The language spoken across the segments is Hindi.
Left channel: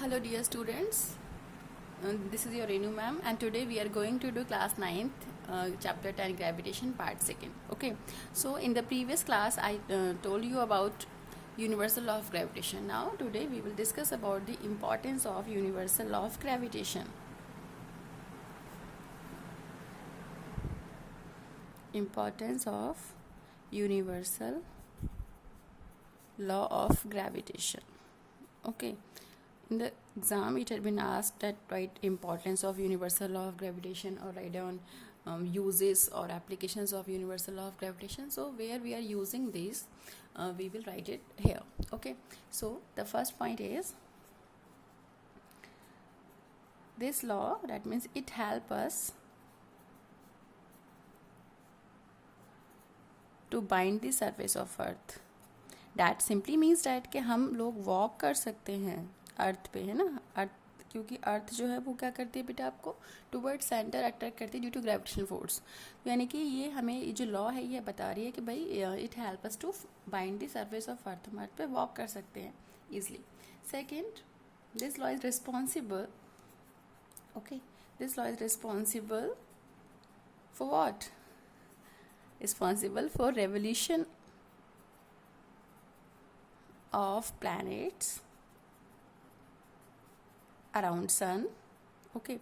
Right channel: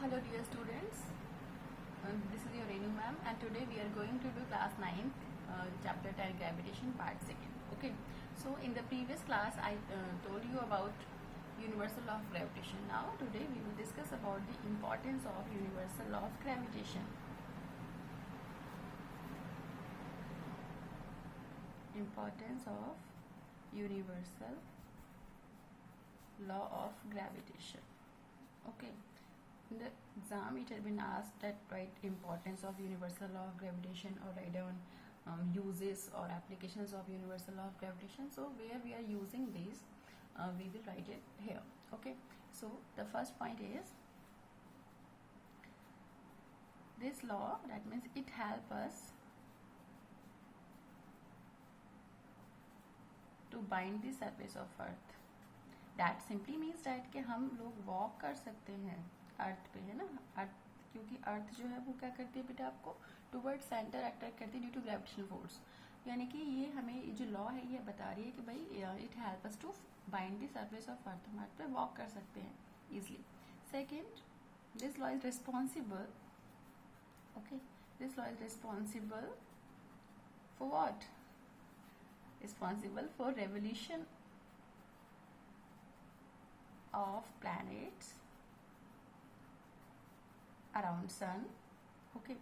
Hello dear students, this is your Renu ma'am and today we are going to do class 9th chapter 10 gravitation part 2nd. Okay, so in the previous class I told you about universal law of gravitation. Now today we will discuss about the importance of universal law of gravitation. Importance of universal law of gravitation. Okay, in the exam it had been asked that write importance of universal law of gravitation or write down uses or applications of universal law of gravitation. So where we are using this, we will write it here. Okay, so the first point is this law, that means it help us to bind the surface of earth. That simply means that कि हम लोग वॉक कर सकते हैं अर्थ पे, है ना. अर्थ, क्योंकि अर्थ जो है वो क्या करती है बेटा, आपको टुवर्ड सेंटर अट्रैक्ट करती है ड्यू टू ग्रेविटेशनल फोर्स. यानी कि ये हमें जो लॉ है ये बता रही है कि भाई it help us to bind the surface of earth. हम अर्थ पे वॉक कर सकते हैं easily. Second, this law is responsible. Okay, this law is responsible for what? Responsible for revolution of planets around sun. Okay,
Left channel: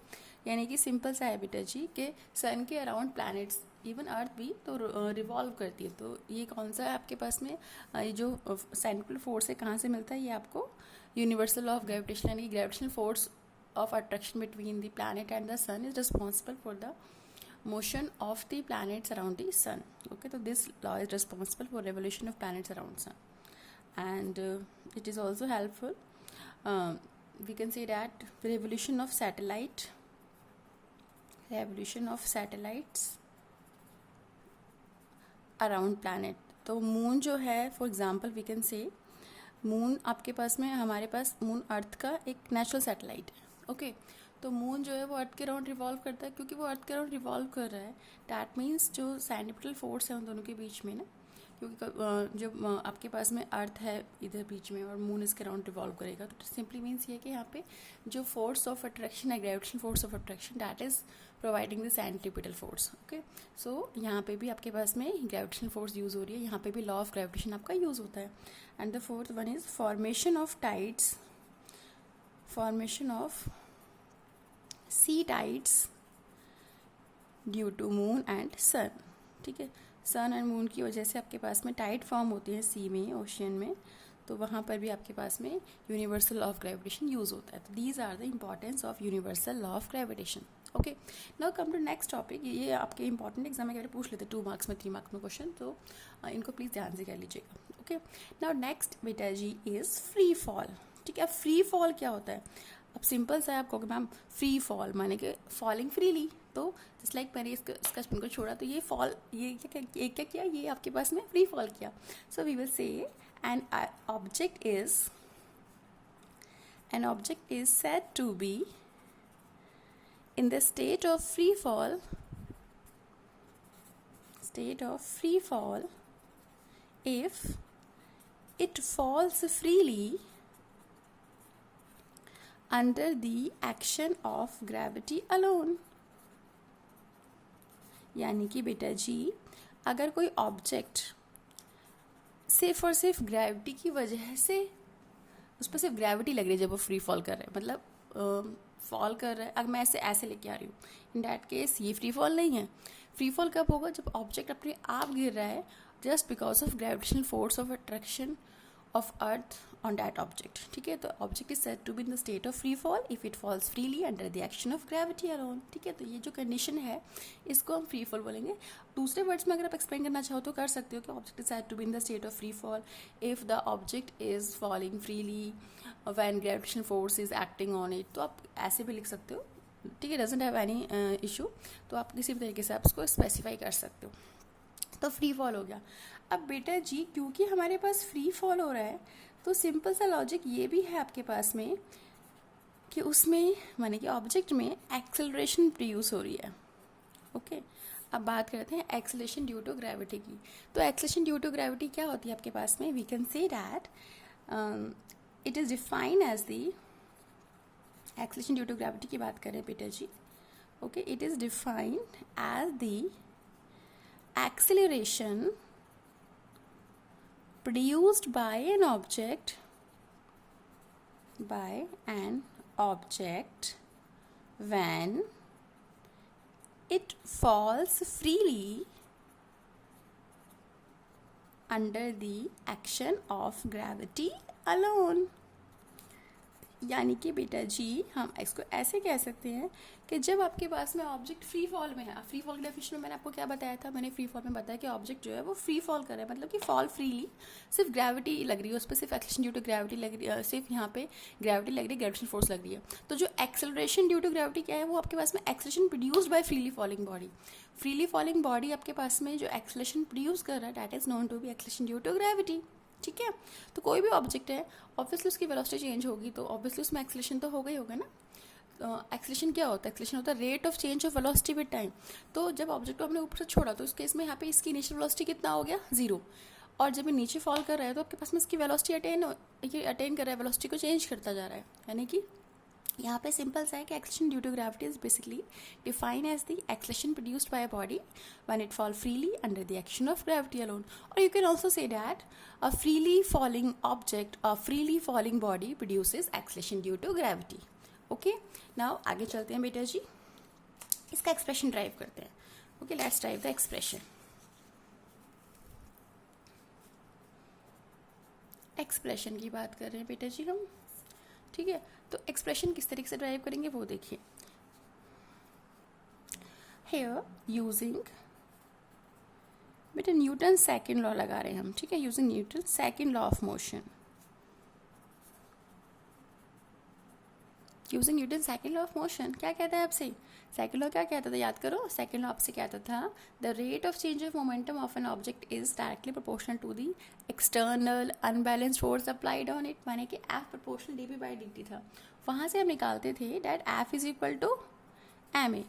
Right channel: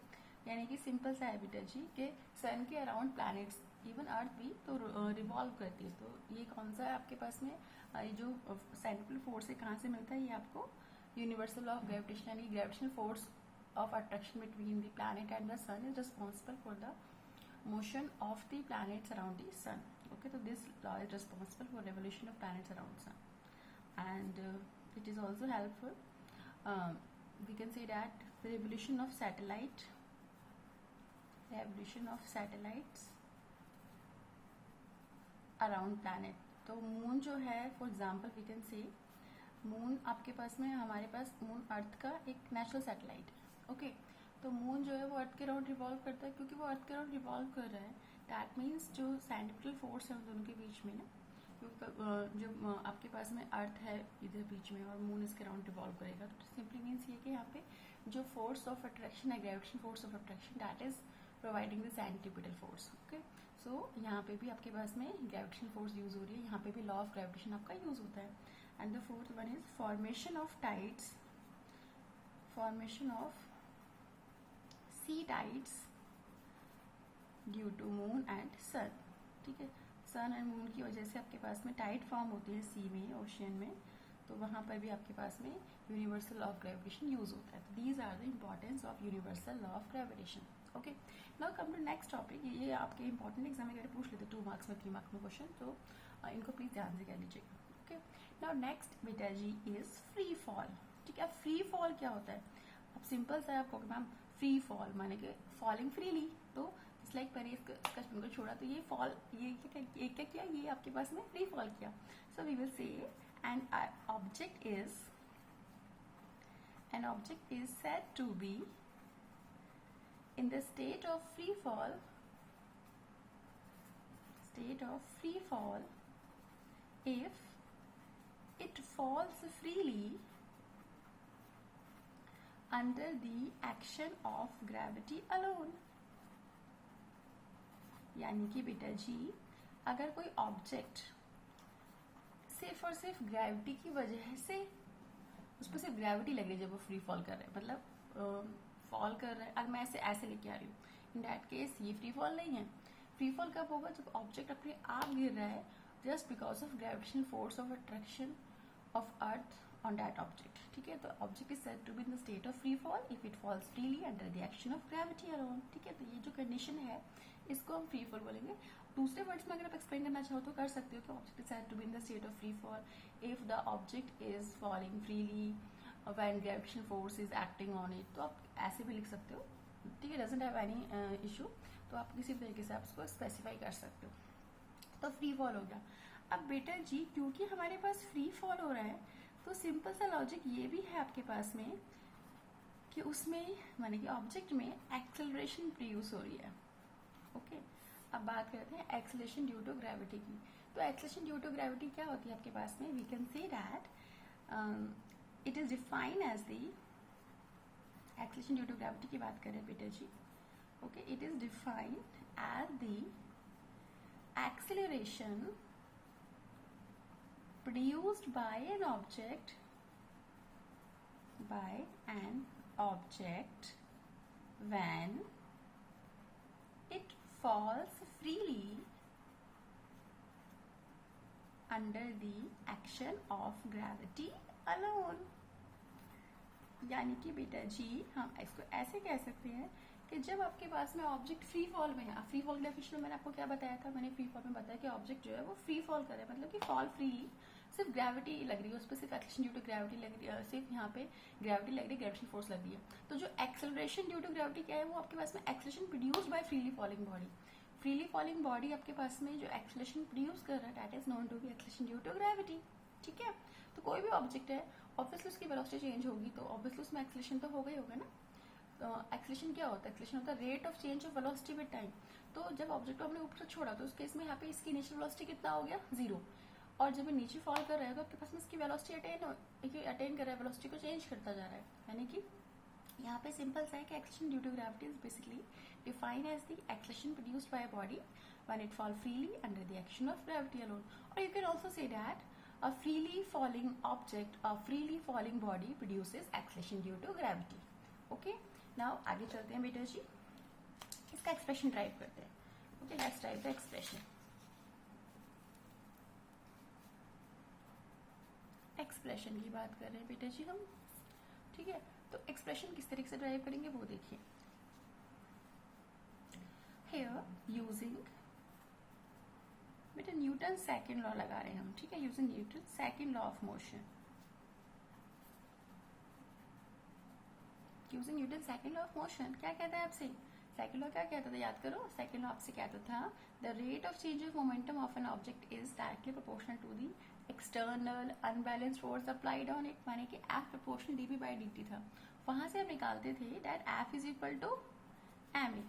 यानी कि सिंपल सा है बेटा जी कि सन के अराउंड प्लैनेट्स, इवन अर्थ भी तो रिवॉल्व करती है. तो ये कौन सा है आपके पास में, ये जो सेंट्रल फोर्स है कहाँ से मिलता है? ये आपको यूनिवर्सल लॉ ऑफ ग्रेविटेशन, यानी कि gravitational force of attraction between the planet and the sun is responsible for the motion of the planets around the sun. Okay, so this law is responsible for revolution of planets around sun, and it is also helpful. We can say that revolution of satellites around planet. तो मून जो है, for example we can say moon आपके पास में, हमारे पास मून अर्थ का एक नेचुरल सैटेलाइट है. ओके, तो मून जो है वो अर्थ के अराउंड रिवॉल्व करता है. क्योंकि वो अर्थ के अराउंड रिवॉल्व कर रहा है, डैट मीन्स जो सेंट्रिपिटल फोर्स है उन दोनों के बीच में ना, क्योंकि जो आपके पास में अर्थ है इधर बीच में और मून इसके अराउंड रिवॉल्व करेगा, तो सिंपली मीन्स ये कि यहाँ पे जो फोर्स ऑफ अट्रैक्शन है, gravitation force of attraction, that is providing the centripetal force. Okay, so यहाँ पे भी आपके पास में ग्रेविटेशन फोर्स यूज हो रही है, यहाँ पे भी लॉ ऑफ ग्रेविटेशन आपका यूज होता है. And the fourth one is formation of tides, formation of sea tides due to moon and sun. ठीक है, सन एंड मून की वजह से आपके पास में टाइड फॉर्म होती है सी में, ओशियन में, तो वहाँ पर भी आपके पास में universal law of gravitation use होता है. तो these are the importance of universal law of gravitation. Okay, now come to next topic. ये आपके इंपॉर्टेंट एग्जाम में अगर पूछ लेते 2 मार्क्स में 3 मार्क्स में क्वेश्चन, तो इनको प्लीज़ ध्यान से कर लीजिएगा. ओके, नाउ नेक्स्ट बेटा जी इज फ्री फॉल. ठीक है, फ्री फॉल क्या होता है? अब सिंपल सा है, आपको मैम फ्री फॉल माने कि फॉलिंग फ्रीली. तो जस्ट लाइक मैंने इसका स्पिन को छोड़ा तो ये फॉल, ये क्या किया, ये आपके पास में फ्री फॉल किया. So we will say an object is said to be in the state of free fall if it falls freely under the action of gravity alone. यानी कि बेटा जी अगर कोई ऑब्जेक्ट सिर्फ और सिर्फ ग्रेविटी की वजह से, उस पर सिर्फ ग्रेविटी लग रही है जब वो फ्री फॉल कर रहा है, मतलब फॉल कर रहा है, अगर मैं ऐसे लेके आ रही हूँ, इन डैट केस ये फ्री फॉल नहीं है. फ्री फॉल कब होगा? जब ऑब्जेक्ट अपने आप गिर रहा है just because of gravitational force of attraction of earth on that object. ठीक है, तो object is said to be in the state of free fall if it falls freely under the action of gravity alone. ठीक है, तो ये जो कंडीशन है इसको हम फ्री फॉल बोलेंगे. दूसरे वर्ड्स में अगर आप एक्सप्लेन करना चाहो तो कर सकते हो कि object is said to be in the state of free fall if the object is falling freely when gravitational force is acting on it. तो आप ऐसे भी लिख सकते हो. ठीक है, डजंट हैव एनी इशू. तो आप किसी भी तरीके से आप उसको स्पेसिफाई कर सकते हो. तो फ्री फॉल हो गया. अब बेटा जी क्योंकि हमारे पास फ्री फॉल हो रहा है, तो सिंपल सा लॉजिक ये भी है आपके पास में कि उसमें माने कि ऑब्जेक्ट में एक्सेलरेशन प्रोड्यूस हो रही है. ओके, अब बात करते हैं एक्सेलरेशन ड्यू टू ग्रेविटी की. तो एक्सेलरेशन ड्यू टू ग्रेविटी क्या होती है आपके पास में? We can say that it is defined as the acceleration due to gravity की बात करें बेटा जी, okay, it is defined as the acceleration produced by an object when it falls freely under the action of gravity alone. यानी कि बेटा जी हम इसको ऐसे कह सकते हैं कि जब आपके पास में ऑब्जेक्ट फ्री फॉल में है, फ्री फॉल के डेफिनेशन में मैंने आपको क्या बताया था, मैंने फ्री फॉल में बताया कि ऑब्जेक्ट जो है वो फ्री फॉल कर रहा है, मतलब कि फॉल फ्रीली, सिर्फ ग्रेविटी लग रही है उस पर, सिर्फ एक्सेलरेशन ड्यू टू ग्रेविटी लग रही है, सिर्फ यहाँ पे ग्रेविटी लग रही है, ग्रेविटेशनल फोर्स लग रही है। तो जो एक्सेलरेशन ड्यू टू ग्रेविटी क्या है, वो आपके पास में acceleration produced by freely falling body, freely falling body आपके पास में जो एक्सेलरेशन प्रोड्यूस कर रहा है that is known to be acceleration due to gravity. ठीक है, तो कोई भी ऑब्जेक्ट है ऑब्वियसली उसकी वेलोसिटी चेंज होगी तो ऑब्वियसली उसमें एक्सेलरेशन तो होगा ही होगा ना। एक्सेलरेशन क्या होता है, एक्सेलरेशन होता है rate of change of velocity with time. तो जब ऑब्जेक्ट को हमने ऊपर से छोड़ा तो उस केस में यहाँ पे इसकी इनिशियल वेलोसिटी कितना हो गया, 0, और जब ये नीचे फॉल कर रहा है तो आपके पास में इसकी वेलोसिटी अटेन कर रहा है, वेलोसिटी को चेंज करता जा रहा है। यानी कि यहाँ पे सिंपल सा है कि acceleration due to gravity is basically defined as the acceleration produced by a body when it fall freely under the action of gravity alone. और you can also say that a freely falling object, a freely falling body produces acceleration due to gravity. Okay, now आगे चलते हैं बेटा जी, इसका एक्सप्रेशन ड्राइव करते हैं। Okay, let's drive the expression. Expression की बात कर रहे हैं बेटा जी हम, ठीक है, तो एक्सप्रेशन किस तरीके से ड्राइव करेंगे वो देखिए। Here using बेटा न्यूटन सेकेंड लॉ लगा रहे हैं हम, ठीक है, using Newton second law of motion, using Newton second law of motion क्या कहता है आपसे, सेकेंड लॉ क्या कहता था, याद करो, सेकेंड लॉ आपसे कहता था the rate of change of momentum of an object is directly proportional to the external unbalanced force applied on it, माने कि F proportional d p by d t था। वहाँ से हम निकालते थे that F is equal to m a.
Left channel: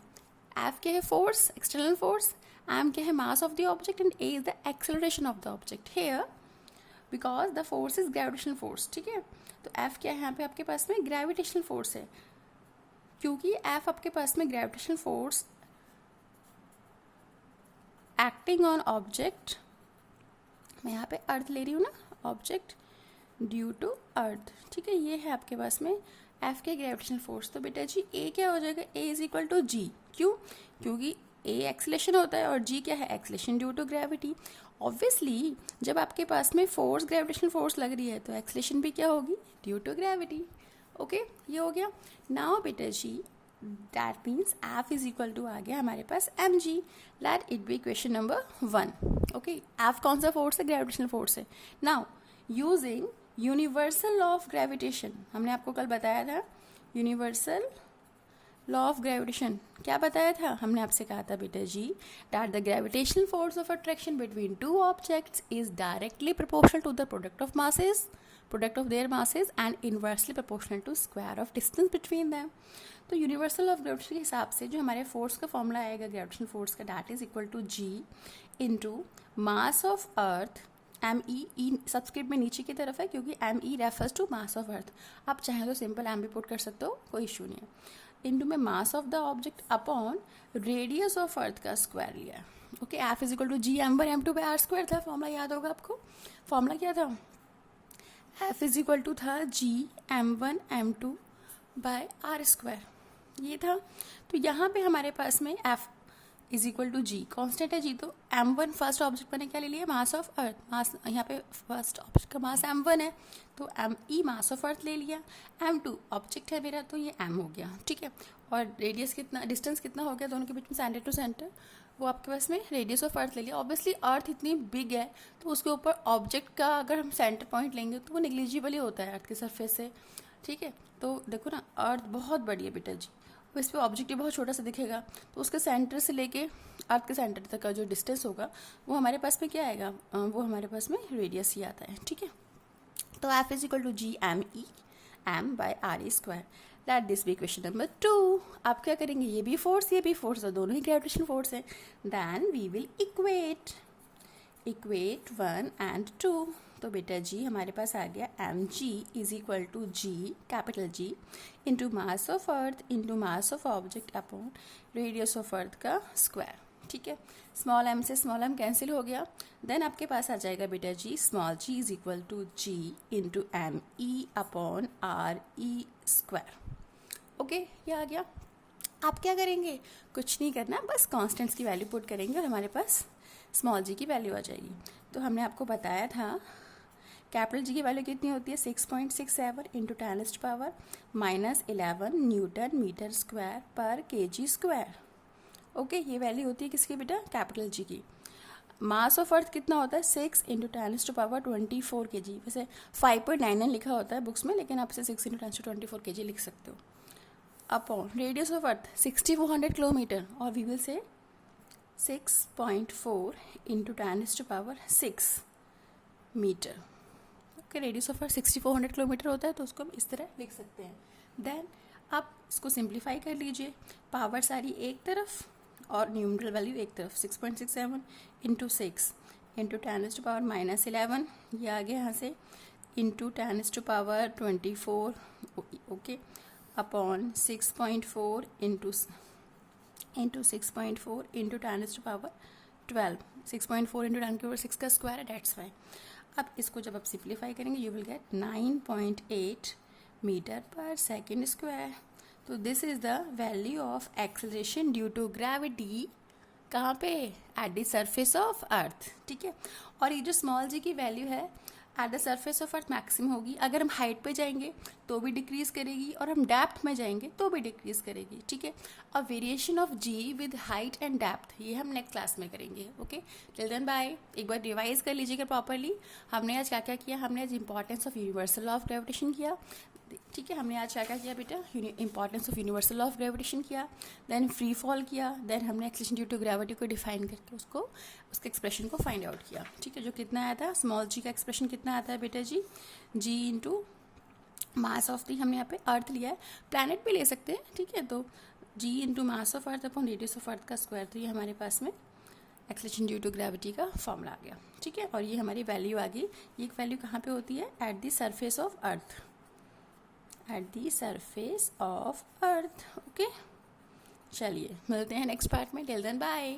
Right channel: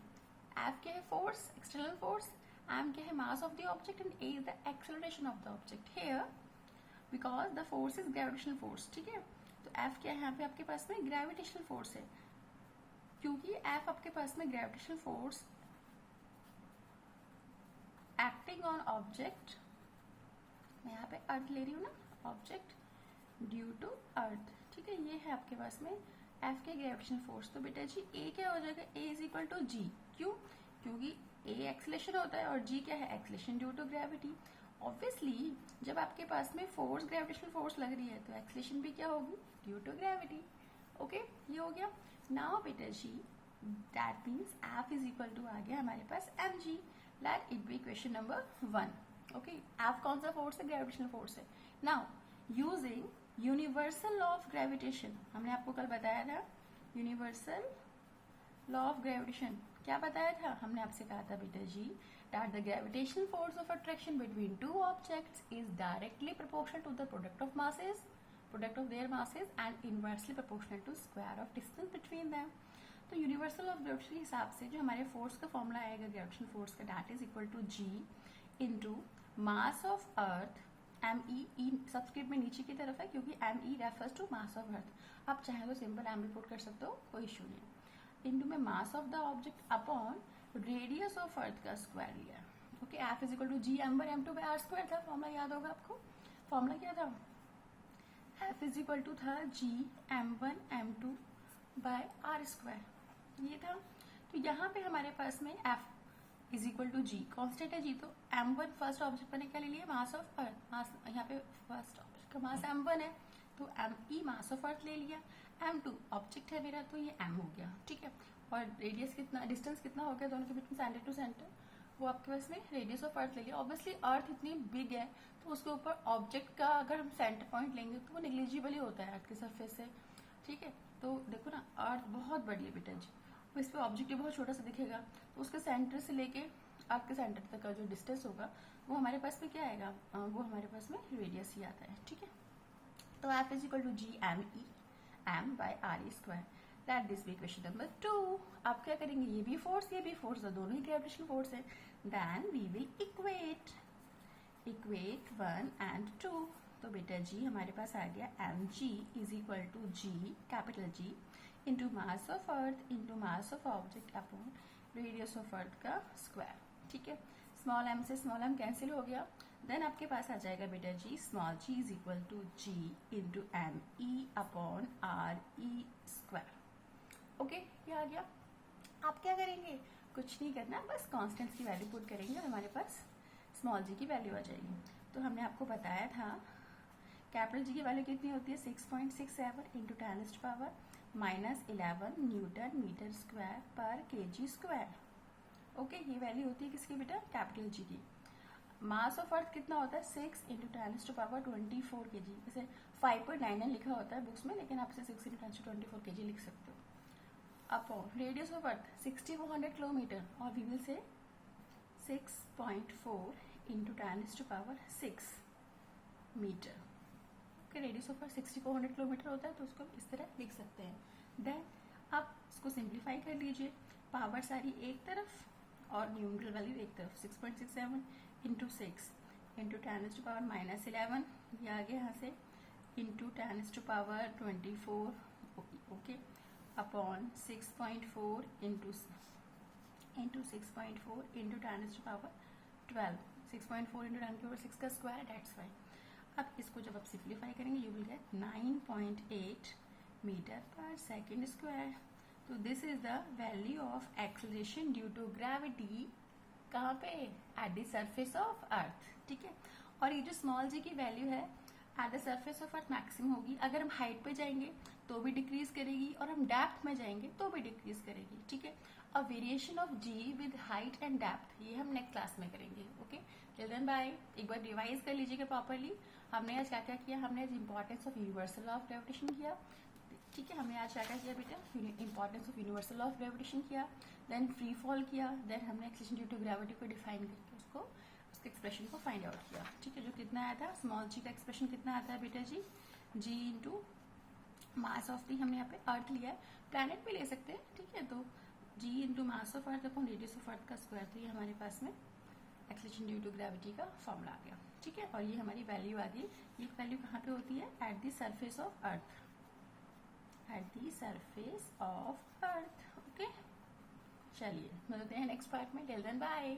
F क्या है, फोर्स, एक्सटर्नल फोर्स, m क्या है, mass of the object, and a is the acceleration of the object here because the force is gravitational force. ठीक है, तो f क्या है यहाँ पे आपके पास में, ग्रेविटेशनल फोर्स है, क्योंकि f आपके पास में gravitational force acting on object, मैं यहाँ पे अर्थ ले रही हूँ ना, ऑब्जेक्ट ड्यू टू अर्थ। ठीक है, ये है आपके पास में f के ग्रेविटेशनल फोर्स। तो बेटा जी a क्या हो जाएगा, a is equal to g, क्यों, क्योंकि a एक्सेलेरेशन होता है और g क्या है, acceleration due to gravity. Obviously जब आपके पास में फोर्स ग्रेविटेशनल फोर्स लग रही है तो एक्सेलेरेशन भी क्या होगी, ड्यू टू ग्रेविटी। ओके, ये हो गया। नाउ बेटा जी that means f is equal to आ गया हमारे पास mg, let it be question number 1। Okay, f कौन सा फोर्स है, ग्रेविटेशनल फोर्स है। Now using universal law of gravitation, हमने आपको कल बताया था यूनिवर्सल लॉ ऑफ ग्रेविटेशन, क्या बताया था, हमने आपसे कहा था बेटा जी that the gravitational force of attraction between two objects is directly proportional to the product of masses, product of their masses, and inversely proportional to square of distance between them. तो यूनिवर्सल ऑफ ग्रेविटेशन के हिसाब से जो हमारे फोर्स का फॉर्मूला आएगा ग्रेविटेशनल फोर्स का, that is equal to g into mass of earth, M E subscript में नीचे की तरफ है क्योंकि M E refers to mass of earth, आप चाहें तो सिंपल एम भी पुट कर सकते हो, कोई इशू नहीं है, इनटू में mass of the object upon radius of earth का स्क्वायर लिया। Okay, F is equal to G M one M two by R square था, फॉर्मूला याद होगा आपको, फॉर्मूला क्या था, एफ इज इक्वल टू था G M one M two by R square, ये था। तो यहाँ पे हमारे पास में F is equal to G constant है जी, तो एम वन फर्स्ट ऑब्जेक्ट मैंने क्या ले लिया, मास ऑफ अर्थ, मास यहाँ पे फर्स्ट ऑब्जेक्ट का मास एम वन है तो एम ई मास ऑफ अर्थ ले लिया, एम टू ऑब्जेक्ट है मेरा तो ये एम हो गया। ठीक है, और रेडियस कितना, डिस्टेंस कितना हो गया दोनों के बीच में, सेंटर टू सेंटर, वो आपके पास में रेडियस ऑफ अर्थ ले लिया। ऑब्वियसली अर्थ इतनी बिग है तो उसके ऊपर ऑब्जेक्ट का अगर हम सेंटर पॉइंट लेंगे तो वो निग्लिजिबल ही होता है अर्थ के सरफेस से। ठीक है, तो देखो ना अर्थ बहुत बड़ी है बेटा जी, तो इस पर ऑब्जेक्ट बहुत छोटा सा दिखेगा, तो उसके सेंटर से लेके अर्थ के सेंटर तक का जो डिस्टेंस होगा वो हमारे पास में क्या आएगा, वो हमारे पास में रेडियस ही आता है। ठीक है, तो F is equal to G M E M by R E square, let this be question number 2। आप क्या करेंगे, ये भी फोर्स है, दोनों ही ग्रेविटेशनल फोर्स है, then we will equate 1 and 2। तो बेटा जी हमारे पास आ गया mg is equal to g capital G into mass of earth into mass of object upon radius of earth का स्क्वायर। ठीक है, स्मॉल m से स्मॉल m कैंसिल हो गया। देन आपके पास आ जाएगा बेटा जी small g is equal to g into M E upon R E square. Okay, ये आ गया। आप क्या करेंगे, कुछ नहीं करना, बस कॉन्स्टेंट्स की वैल्यू पुट करेंगे और हमारे पास स्मॉल जी की वैल्यू आ जाएगी। तो हमने आपको बताया था कैपिटल जी की वैल्यू कितनी होती है 6.67 into 10 power -11 newton metre square पर केजी स्क्वायर। ओके, ये वैल्यू होती है किसकी बेटा, कैपिटल जी की। मास ऑफ अर्थ कितना होता है 6 इंटू 10 पावर 24 केजी। वैसे 5.99 लिखा होता है बुक्स में, लेकिन आप इसे 6 इंटू 10 24 केजी लिख सकते हो। Upon radius of earth 6400 kilometre, और we will say 6.4 into 10⁻6 metre. Okay, radius of earth 6400 kilometre होता है, तो उसको हम इस तरह लिख सकते हैं। देन आप इसको सिंप्लीफाई कर लीजिए, पावर सारी एक तरफ और न्यूमरल वैल्यू एक तरफ। 6.67 इंटू 6 इंटू 10⁻11, ये आ गया यहाँ से, into 10⁻24 okay upon 6.4 into 6.4 into 10⁻12। 6.4 into 10⁻6 का स्क्वायर है, डेट्स वाई। अब इसको जब आप सिंप्लीफाई करेंगे यू विल गेट 9.8 मीटर पर सेकेंड स्क्वायर। तो this is the value of acceleration due to gravity, कहाँ पे, at the surface of earth. ठीक है, और ये जो स्मॉल जी की वैल्यू है at the surface of earth maximum होगी। अगर हम हाइट पे जाएंगे तो भी डिक्रीज करेगी, और हम डेप्थ में जाएंगे तो भी डिक्रीज करेगी। ठीक है, अब variation of G with height and depth ये हम नेक्स्ट क्लास में करेंगे। Okay, till then bye. एक बार रिवाइज कर लीजिएगा प्रॉपरली। हमने आज क्या क्या किया, हमने आज importance of universal of gravitation किया। ठीक है, हमने आज क्या क्या किया बेटा, importance of universal of gravitation किया, देन फ्री फॉल किया, देन हमने एक्सेलरेशन ड्यू टू ग्रेविटी को डिफाइन करके उसको उसके एक्सप्रेशन को फाइंड आउट किया। ठीक है, जो कितना आया था, स्मॉल जी का एक्सप्रेशन कितना आता है बेटा जी, जी इंटू मास ऑफ दी, हमने यहाँ पे अर्थ लिया है, प्लैनेट भी ले सकते हैं। ठीक है, तो g into mass of earth upon radius of earth का स्क्वायर। तो ये हमारे पास में एक्सेलरेशन ड्यू टू ग्रेविटी का फॉर्मूला आ गया। ठीक है, और ये हमारी वैल्यू आ गई। ये वैल्यू कहाँ पे होती है, at the surface of earth, at the surface of earth. Okay, चलिए मिलते हैं नेक्स्ट पार्ट में। Till then bye.